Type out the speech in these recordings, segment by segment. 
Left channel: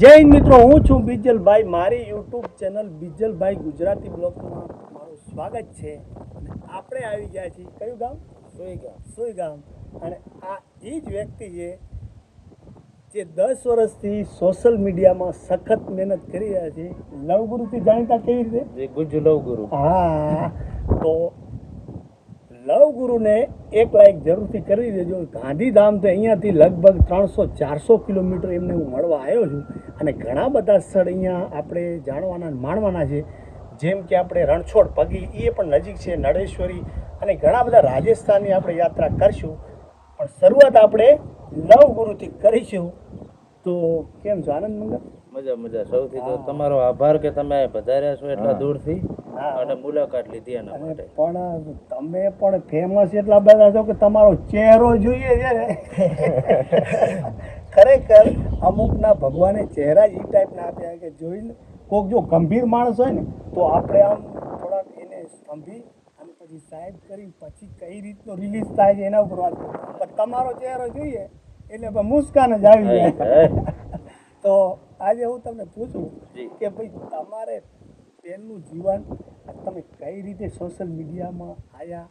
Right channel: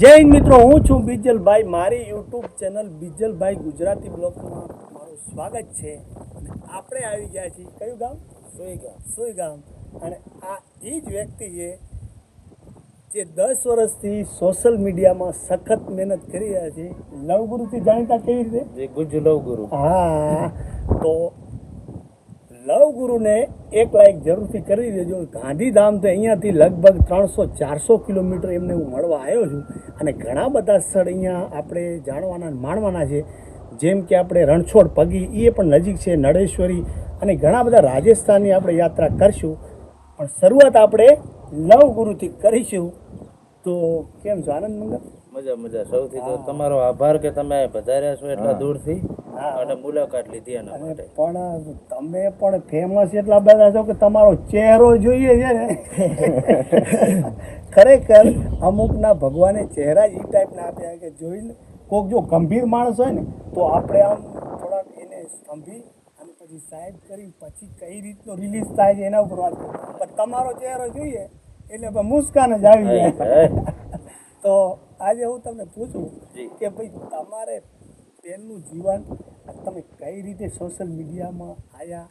જય મિત્રો હું છું બીજલભાઈ. મારી યુટ્યુબ ચેનલ બીજલભાઈ ગુજરાતી બ્લોગમાં મારું સ્વાગત છે. અને આપણે આવી ગયા છીએ કયું ગામ? સુઈ ગામ સુઈ ગામ અને આ એ જ વ્યક્તિ છે જે દસ વર્ષથી સોશિયલ મીડિયામાં સખત મહેનત કરી રહ્યા છે. લવગુરુથી જાણીતા કેવી રીતે? જે ગુજુ લવ ગુરુ હા. તો લવ ગુરુને એક લાઈક જરૂરથી કરી દેજો. ગાંધીધામ તો અહીંયાથી લગભગ ત્રણસો ચારસો કિલોમીટર એમને હું મળવા આવ્યો છું. અને ઘણા બધા સ્થળ અહીંયા આપણે જાણવાના માણવાના છે. જેમ કે આપણે રણછોડ પગી એ પણ નજીક છે નળેશ્વરી અને ઘણા બધા રાજસ્થાનની આપણે યાત્રા કરશું. પણ શરૂઆત આપણે લવ ગુરુથી કરીશું. તો કેમ છો આનંદ મંગલ? મજા મજા. સૌથી તો તમારો આભાર કે તમે પધાર્યા છો એટલા દૂરથી. હા. અને મુલાકાત લીધી એના માટે. પણ તમે પણ ફેમસ એટલા બધા છો કે તમારો ચહેરો જોઈએ છે ને. ખરેખર અમુકના ભગવાને ચહેરા જ એ ટાઈપના આપ્યા કે જોઈને કોઈક જો ગંભીર માણસ હોય ને તો આપણે આમ થોડાક એને સ્તંભી અને પછી સાહેબ કરી પછી કઈ રીતનો રિલીઝ થાય છે એના ઉપર વાત પણ તમારો ચહેરો જોઈએ એટલે મુસ્કાન જ આવી જાય. તો આજે હું તમને પૂછું કે ભાઈ તમારે પહેલું જીવન તમે કઈ રીતે સોશિયલ મીડિયામાં આવ્યા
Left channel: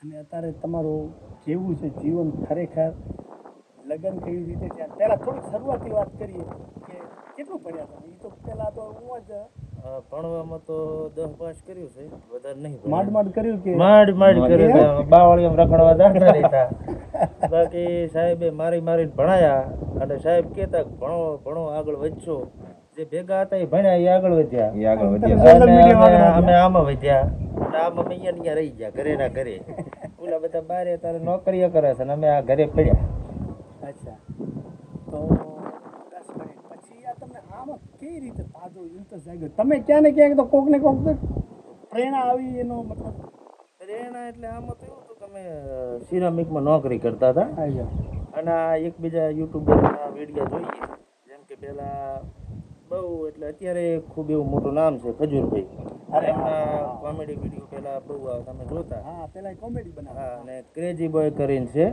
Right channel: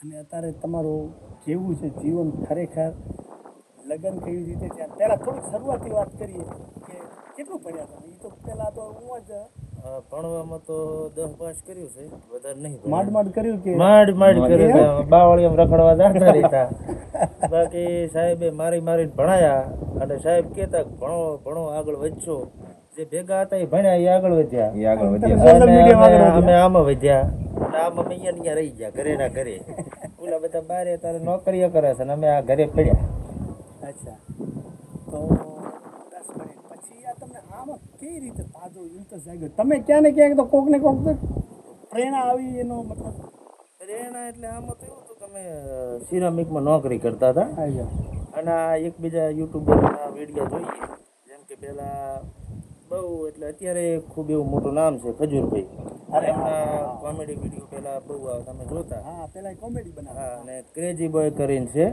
અને અત્યારે તમારું કેવું છે જીવન ખરેખર? લગ્ન કેવી રીતે થયા? પહેલાં થોડીક શરૂઆતની વાત કરીએ કે કેટલું ભણ્યા તમે? એ તો પહેલાં તો હું જ ભણવામાં તો દસ પાસ કર્યું છે વધારે નહીં. માંડ માંડ કર્યું કે? માંડ માંડ કર્યું બાવળી. રખડવા જાણતા રહેતા. બાકી સાહેબે મારી મારીને ભણાયા અને સાહેબ કહેતા ભણો ભણો આગળ વધશો. જે ભેગા હતા એ ભણ્યા એ આગળ વધ્યા. એ આગળ વધ્યા. અમે- આમાં વધ્યા. અને આમાં અમે અહીંયા રહી ગયા ઘરે ના ઘરે. ઓલા બધા બારે તારે નોકરીઓ કરે છે ને અમે આ ઘરે પડ્યા. અચ્છા. તો પછી આ તમને આમાં કઈ રીતે તાજો ઇન્ટરેસ્ટ તમે ક્યાં ને ક્યાંક તો કોક ને કોક પ્રેરણા આવી એનો મતલબ. પ્રેરણા એટલે આમાં તો એવું હતું કે સિરામિકમાં નોકરી કરતા હતા. અને આ એકબીજા યુટ્યુબરના વીડિયો જોઈએ જેમ કે પેલા બહુ એટલે અત્યારે ખૂબ એવું મોટું નામ છે ખજૂરભાઈ. અરે કોમેડી વીડિયો પેલા બહુ તમે જોતા. હા પેલા કોમેડી બનાવે. અને ક્રેઝી બોય કરીને છે.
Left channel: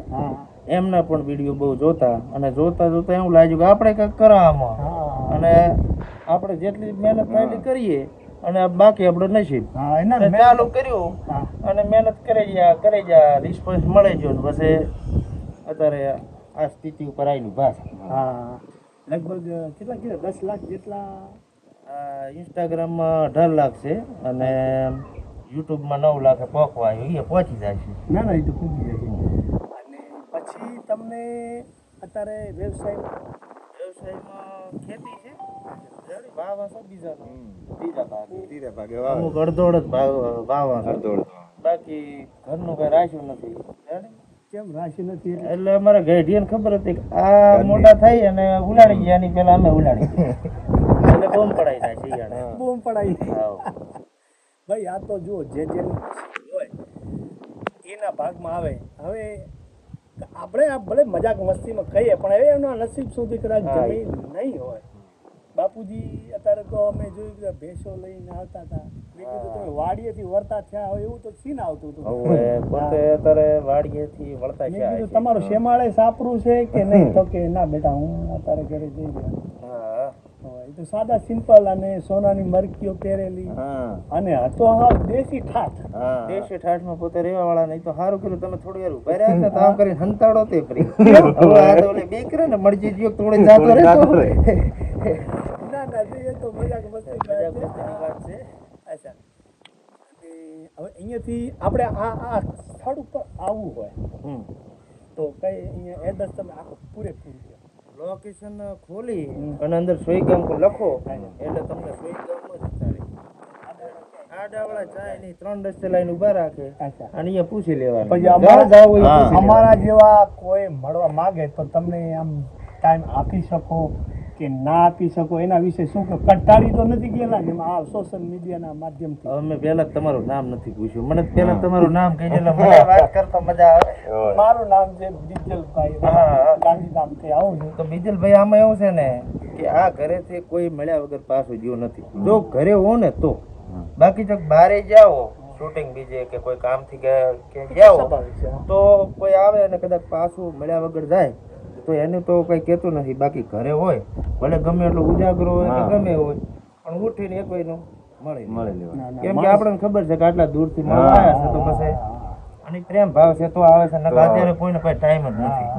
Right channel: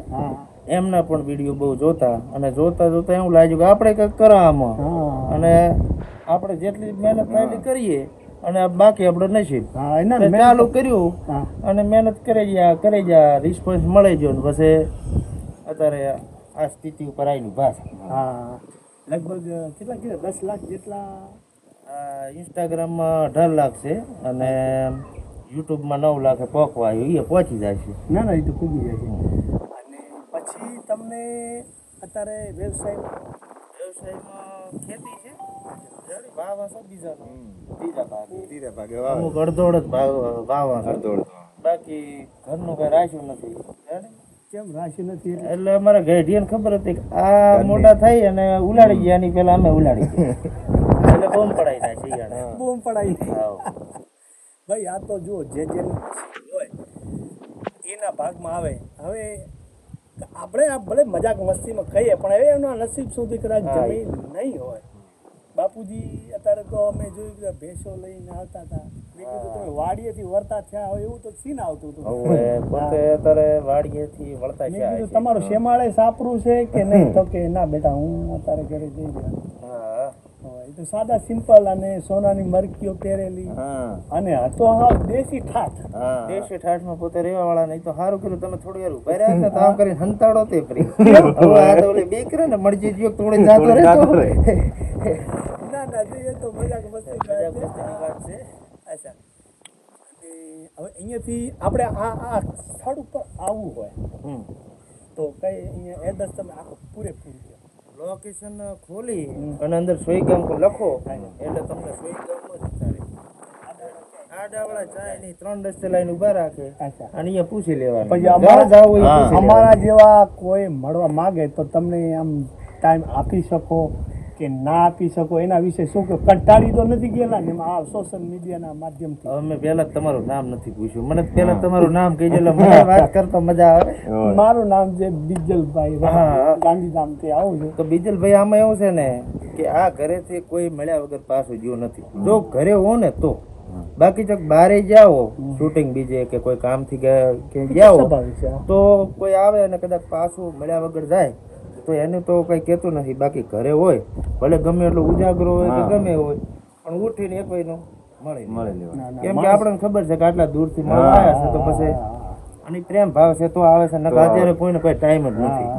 એમના પણ વીડિયો બહુ જોતા. અને જોતા જોતા એવું લાગ્યું કે આપણે કંઈક કરો આમાં. અને આપણે જેટલી મહેનત એટલી કરીએ અને બાકી આપણે નસીબ. ચાલુ કર્યું. અને મહેનત કરી ગયા કરી ગયા. રિસ્પોન્સ મળી ગયો. તો પછી અત્યારે આ સ્થિતિ ઉપર આવેલી ભાષા હા. લગભગ કેટલા કેટલા દસ લાખ જેટલા ઇન્સ્ટાગ્રામમાં અઢાર લાખ છે અને યુટ્યુબમાં નવ લાખે આવ્યું. એ પહોંચી જાય છે. ના ના એ તો પહોંચી જાય છે. અને પછી તમને અત્યારે વ્યવસાય વ્યવસાયમાં ખેતી છે? ભાવ હશે બીજા ત્રીજા ભાગે ભાગે અમુક અડધોડ જ ભાવ બાકી ઘરનું કઈ રાખ્યું નથી. રેડી? કેમ રાશિ નથી એટલે? અમારા ગઢિયાને ખબર હતી કે આ મોટા થઈ અને ઉલાડી ગયા ની પેલા અમે ઉલાડી ગયા. એટલે બોમ પડાઈ જાય શિયાળે બૂમ પડાઈ ભાઈ આ તો જુઓ જે જે હોય એના ભાગમાં આવે. હવે આપણે આ ભલે મજાક મસ્તીમાં કહીએ પણ હવે એમના નસીબ સુધી કદાચ. જમીન નહીં હોય. બાપુજી અત્યારે તો અમે જોયું કે ભેંસો લઈને આવતા હતા. મેં કીધું તમે વાડીએથી વળતા થયા હોય એવું તો સીન આવતું હતું. પોતે અત્યારે વાડીએથી વળતા છે? તમારું શેમાળે સાપરું છે કે નહીં? તો કે ના બેટા હું અત્યારે ઘરે જઈ ગયા તો સાદા સિમ્પલ અને સોનાની મરકીઓ પહેરેલી. હા. અને હતો હા દેશી ઠાઠ. દેશી દેશી ઠાઠમાં પોતે રહેવા વાળા નહીં તો સારું કર્યું તમે થોડી વાર ઊભા રહ્યા ને તાવ કરીને હંતાડો તે ફરી હવે આ તો ઓલી બીક ને મરજી ગયો થોડી જાતો રહે. ના ના એ તો મજાક મસ્તી છે. વાત છે. અચ્છા. હવે અહીંયાથી આપણે આ આ સ્થળ ઉપર આવવું હોય હમ. તો કઈ અહીંયા એડ્રેસ તમે આખું પૂરેપૂરું. લોકેશન ખોલી અને અંદર સોઈ સોઈગામ લખો. એટલે તમને સોઈ જ ચાલે આ ડાવડા ચાયની ત્રણ રસ્તે લાઈન ઊભા રાખે. અને અહીંયા પૂછી લેવાનું. અમારા જેવા કોઈ મળવા માંગે તો તમને આમ ટાઈમ આપી શકો. કે ના આપી શકો એના વિશે શું કે કંટાળી તો નથી ગયેલા ને આ સોશિયલ મીડિયાના માધ્યમથી. અમે મેં પહેલા તમારું નામ નથી પૂછ્યું. મને પહેલા તમારું નામ કહેજો એટલે મને વાત કરતા મજા આવે. મારું નામ છે બીજલભાઈ. ગાંધીધામથી આવું છું. તો બીજલભાઈ આમાં એવું છે ને કે આ ઘરેથી કોઈ મળ્યા વગર પાછું ગયો નથી. જો ઘરે હો ને તો. બાકી જો બારે જાઓ શૂટિંગ બીજે કે કોઈ કામથી ગયા કે ગયા. તો કોઈ આવે અને કદાચ પાછું મળ્યા વગર જાય. તો એને તો કઈ કહેતો નથી. બાકી ઘરે હોય ભલે ગમે એટલો ઉજાગરો હોય કે ગમે હોય પણ ઉઠીને એક વેનો મળે મળે ના, ના, કેમ કે આપણને ખબર છે કે આટલા દૂરથી મળવા આવ્યા છે તો પછી અને પ્રેમ ભાવ છે તો આવે છે નકર અત્યારે કોઈને કોઈ ટાઈમ જ નથી.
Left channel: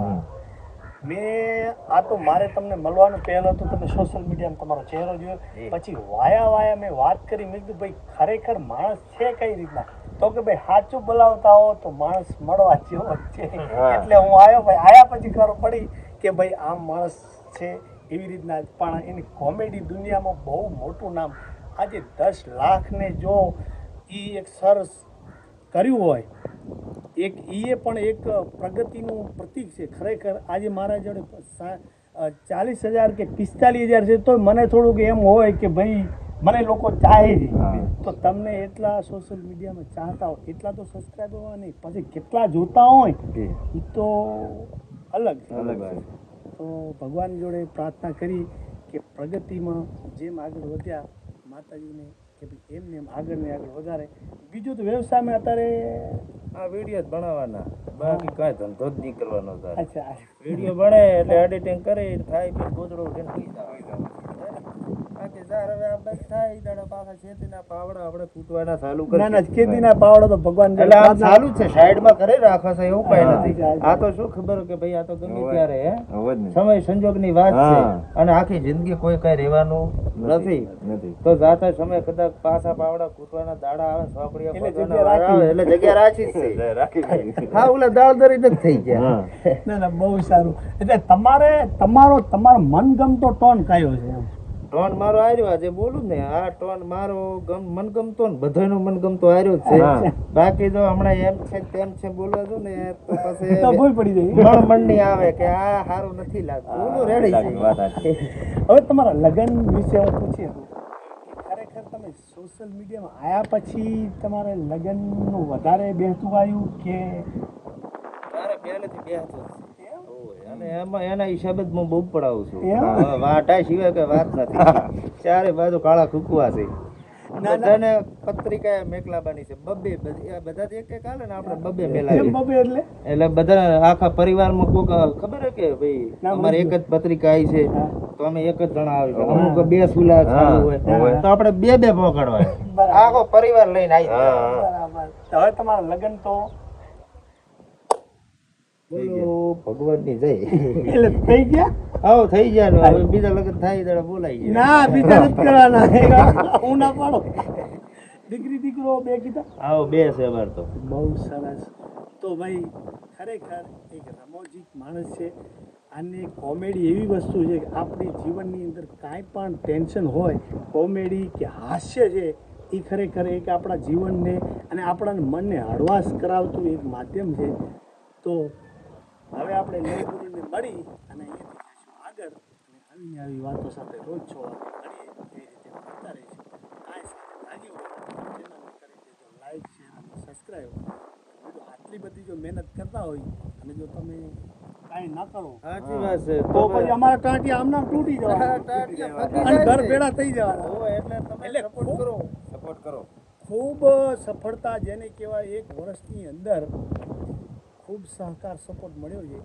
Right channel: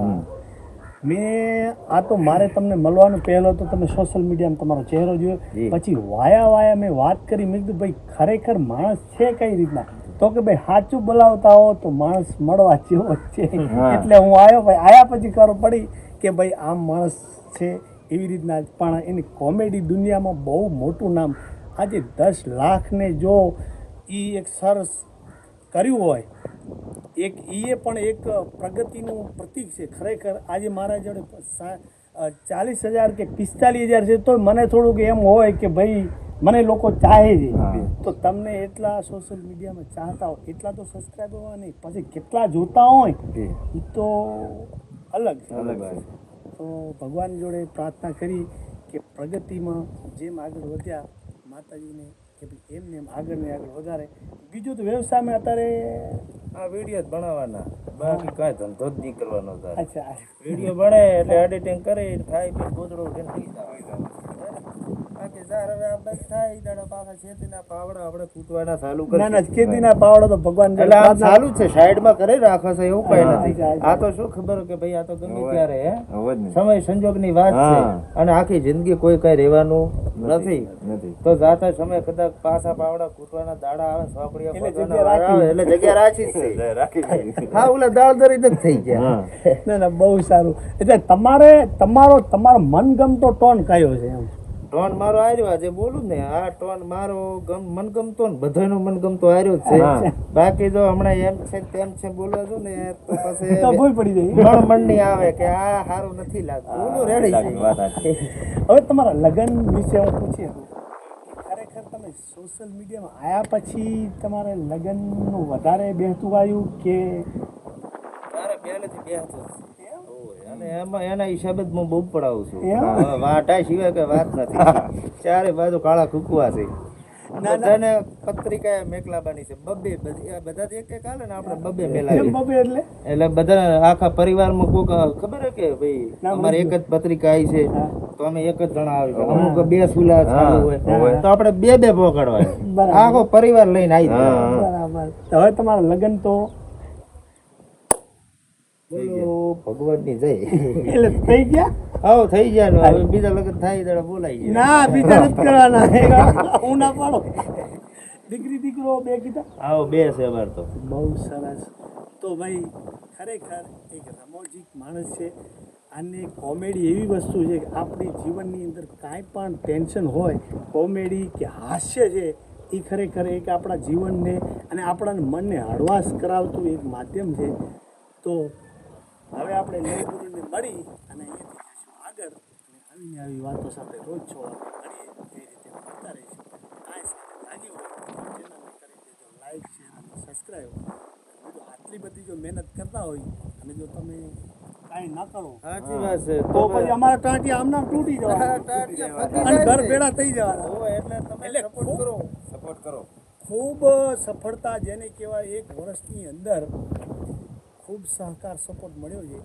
મેં આ તો મારે તમને મળવાનું પહેલો તો તમે સોશિયલ મીડિયામાં તમારો ચહેરો જોયો. પછી વાયા વાયા મેં વાત કરી મેં કીધું ભાઈ ખરેખર માણસ છે કઈ રીતના? તો કે ભાઈ સાચું બોલાવતા હો તો માણસ મળવા જેવો જ છે એટલે હું આવ્યો ભાઈ આયા પછી ખબર પડી કે ભાઈ આમ માણસ છે એવી રીતના. પણ એની કોમેડી દુનિયામાં બહુ મોટું નામ. આજે દસ લાખને જો એ એક સરસ કર્યું હોય એક એ પણ એક પ્રગતિનું પ્રતીક છે. ખરેખર આજે મારા જોડે ચાલીસ હજાર કે પિસ્તાલીસ હજાર છે તો મને થોડુંક એમ હોય કે ભાઈ મને લોકો ચાહે છે. તો તમને એટલા સોશિયલ મીડિયામાં ચાહતા હોય એટલા તો સબસ્ક્રાઈબર હોય નહીં. પછી કેટલા જોતા હોય. એ. તો અલગ છે. અલગ તો ભગવાન જોડે પ્રાર્થના કરી કે પ્રગતિમાં જેમ આગળ વધ્યા માતાજીને કે ભાઈ એમને એમ આગળ ને આગળ વધારે. બીજું તો વ્યવસાયમાં અત્યારે આ વીડિયો જ બનાવવાના. બાકી કાંઈ ધંધો જ નહીં કરવાનો અચ્છા. વીડિયો ભણે એટલે એડિટિંગ કરે થાય પી ગોદડો ઉઠીને સુઈ સાર હવે આ બસ થાય દાડા પાછા ખેતીના પાવડા આપણે તૂટવાના ચાલુ કરી ના ના ખેતીના પાવડો તો ભગવાન એટલે આમ ચાલુ છે સાઈડમાં કરી રાખો છો એવું કઈ નથી. આ તો શું ખબર કે ભાઈ આ તો ગમે ત્યારે હે? હવે જ નહીં. સમય સંજોગની વાત છે. અને આખી જિંદગી કોઈ કઈ રહેવાનું નથી નથી. તો જાતા સમય કદાચ પાછા પાવડા કૂટવાના દાડા આવે સોપડીયા જગ્યા આવે. એટલે જગ્યા રાખી છે. રાખી હા ઓલા દાળ દરી જ થઈ ગયા. ના ના બહુ સારું. એટલે તમારે તમારો તમારો મનગમતો ટોન કયો છે એમ? ટોન મારો આર્યો આજે બોલું ને આ ટોન મારો ગમ મનગમતો ને બધાનો મનગમતો આર્યો જ છે. બાકી જો હમણાં એમ છે તેમ છે બોલવા જો ને તો પછી ભૂલ પડી જાય. મન મનની આવે કે આ સારું નથી લાગતું. ઓલું રેડી હવે તમારા લગ્ન વિશે હું પૂછી ખરેખર તમે સોશિયલ મીડિયામાં આવ્યા પછી તમારે લગ્નનું વધારે બેહતું આવ્યું કે મારે પહેલેથી નથી અને એમાં એના હિસાબે જ હું બહુ પડાવું છું. વાટા સિવાય કઈ વાત નથી. ચારે બાજુ કાળા કુકવા છે. બધાને પત્રિકા મેકલાબાની છે. બબ્બે બધા એક એક હાલે ને આપણે બબ્બે કેમ મેલાવીએ. એટલે? એટલે બધા આખા પરિવારમાં કોક ખબર હે કે ભાઈ અમારે એક જ પત્રિકા આવી છે. તો અમે એક જ જણા આવી અમુક બે સુલા હોય. હોય. તો આપણે બે બે પકડવાની આખો પરિવાર લઈને આવી બરાબર. હવે તમારા લગ્ન તો બોલો ભગવાનની જય. એટલે થઈ ગયા? હા થઈ ગયા હવે બીજા લગ્ન થાય ત્યારે બોલાય ગયા. ના બીજા નથી કરવાના. હું ના પાડો. દીકરી દીકરો બે કીધા? આવો બે છે અમાર તો. બહુ સરસ. તો ભાઈ ખરેખર એક રમોજીક માણસ છે. અને કોમેડી એવી વસ્તુ છે કે આપણી જીવનની અંદર કાંઈ પણ ટેન્શન હોય કોમેડી કે હાસ્ય છે એ ખરેખર એક આપણા જીવનને અને આપણા મનને હળવાશ કરાવતું એક માધ્યમ છે. તો હવે આપણે લવગુરુને મળી અને અહીંયાથી જઈશું આગળ અને આવીને આવી વાતો સાથે રોજ છોડવા કરીએ એ રીતે કરતા રહીશું કાંઈ સાથે લાગ્યું હોય ચેનલને કરી દેજો લાઈક શેર અને સબસ્ક્રાઈબ જો આટલી બધી જો મહેનત કરતા હોય અને જો તમે કાંઈ ના કરો સાચી વાત છે. તો પછી અમારા ટાંટિયા આમના તૂટી જવાના. અને ઘર ભેળા થઈ જવાના. એટલે તમે સપોર્ટ કરો. સપોર્ટ કરો. ખૂબ સફળતા જેને કહેવાય એક વર્ષની અંદર ખૂબ સહકાર સપોર્ટ મળ્યો છે.